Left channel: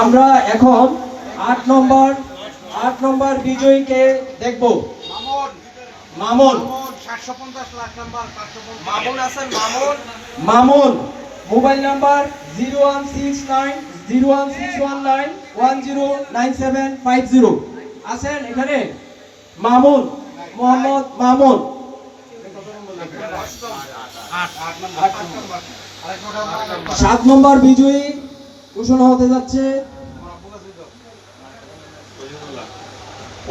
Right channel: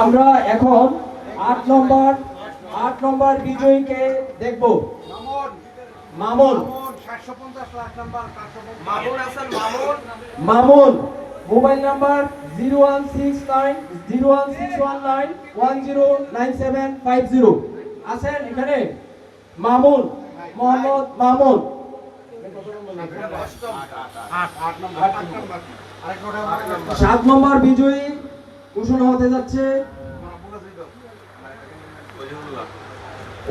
আমরা এখন আট নম্বর আট নম্বর বিজয়ীকে দেখব। মামুন। মামুন মামুন পঞ্চাশ লাখ নাম্বার মামুন আছেন Mamun. Mamun mobile number zero one six nine zero one six one nine one zero nine seven five zero. আছেন এখানে? মামুন মোহাম্মদ মামুন। সাত নম্বর বিজয়ী ঘোষণা হতে যাচ্ছে।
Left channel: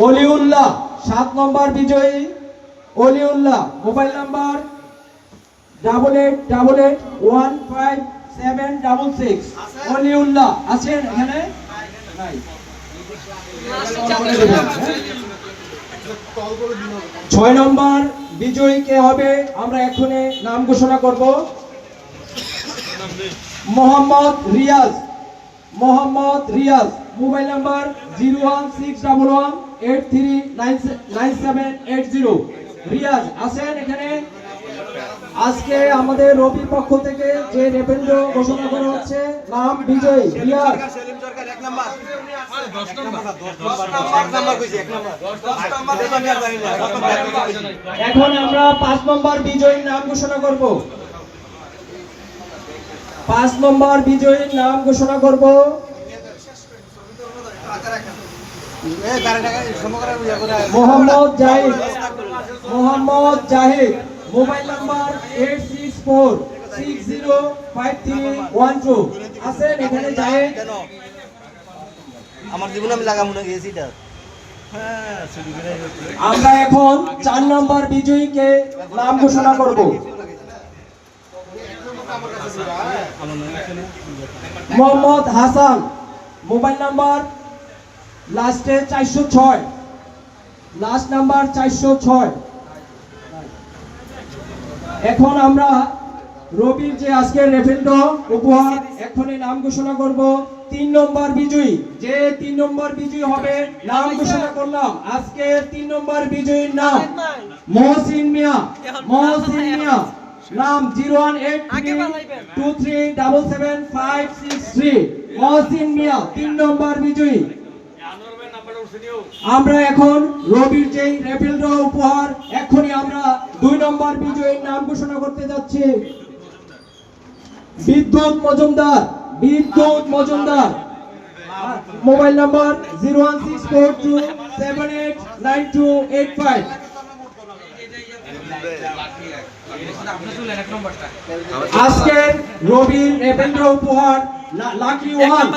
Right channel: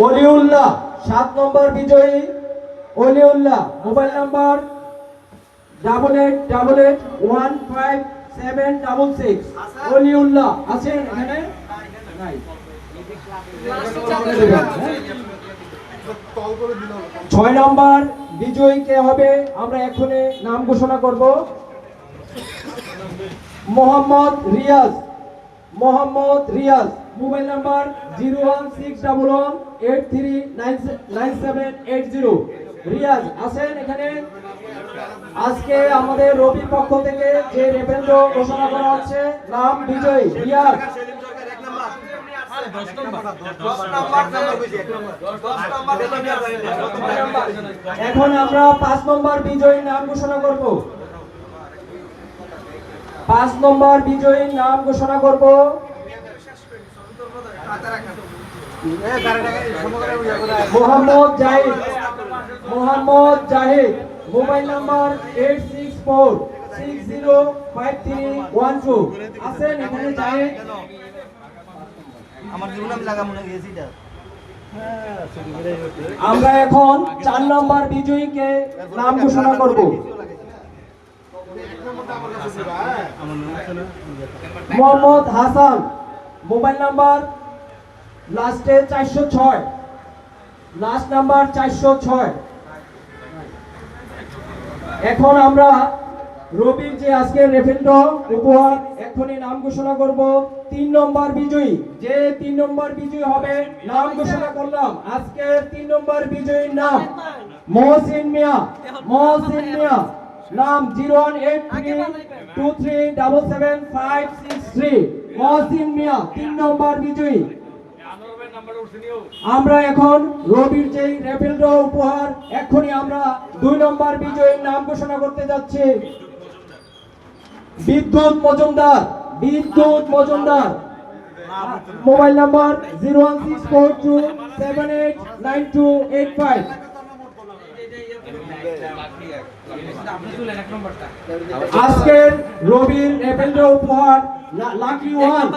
অলিউল্লাহ। সাত নম্বর বিজয়ী। Oliullah mobile number double eight double eight one five seven double six Oliullah আছেন এখানে? ছয় নম্বর বিজয়ী কে হবে? আমরা এক্ষুনি নাম ঘোষণা করব। Mohammad Riaz. Mohammad Riaz, mobile number zero one six double one eight three nine nine seven eight zero. Riaz আছেন এখানে। আজকে আমাদের রবির পক্ষ থেকে যে রেভেন্দ্র ঘোষণা করা হচ্ছে, নাম বিজয়, রিয়াজ। এখন আমরা পাঁচ নম্বর বিজয়ীর নাম ঘোষণা করব। পাঁচ নম্বর বিজয়ীর নাম ঘোষণা করব। Mohammad Zahid. Mohammad Zahid. Mobile number eight six four six zero five three one two. আছেন এখানে জাহিদ? আমার জীবনে আমি লাগাম আমরা এখন চার নম্বর বিজয়ীকে নাম ঘোষণা করব। মোহাম্মদ হাসান মোবাইল নাম্বার লাস্টে চারশো ছয়। লাস্ট নাম্বার চারশো ছয়। এখন আমরা রবির যে আজকের রেফেন্ড উপহার এখনই নাম ঘোষণা করব। তিন নম্বর বিজয়ী যে তিন নম্বর বিজয়ী হবে নাম ঘোষণা করলাম। আজকে তিন নম্বর বিজয়ীর নাম মহসিন মিয়া। মহসিন মিয়া। নাম zero one eight three two three double seven five six three. Mohsin Mia তিন নম্বর বিজয়ী। আমরা এখন রবির যে রেফেলড উপহার এখনই আমরা দুই নম্বর বিজয়ীর নাম ঘোষণা করতে যাচ্ছি। Bidyut Majumdar Bidyut Majumdar. Mobile number zero one six four two seven eight nine two eight five. আজকের রেভেন্দ্র উপহার লাকি ওয়ান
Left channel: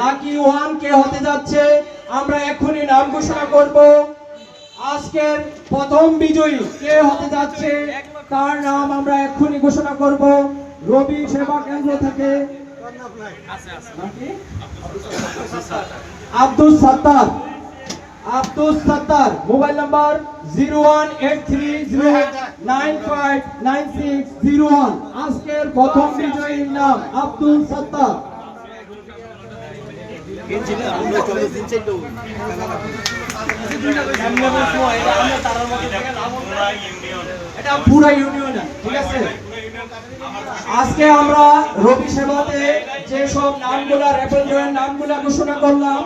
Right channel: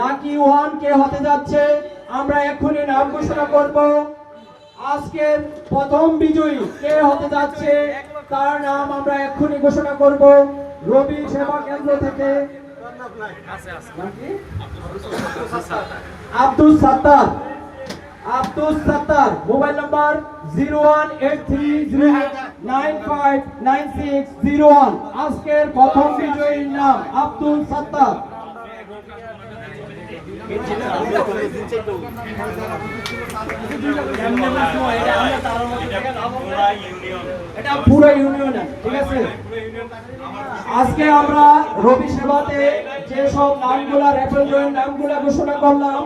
লাকি ওয়ান কে হতে যাচ্ছে? আমরা এক্ষুনি নাম ঘোষণা করব। আজকের প্রথম বিজয়ী কে হতে যাচ্ছে? তার নাম আমরা এক্ষুনি ঘোষণা করব। রবি সেবা কেন্দ্র থেকে। Abdul Sattar. Abdul Sattar, mobile number zero one eight three zero nine five nine six zero one. আজকের প্রথম বিজয়ীর নাম আব্দুল সাত্তার। পুরো আজকে আমরা রবি সেবাতে যে সব নামগুলা রেফারেন্সের নামগুলা ঘোষণা করলাম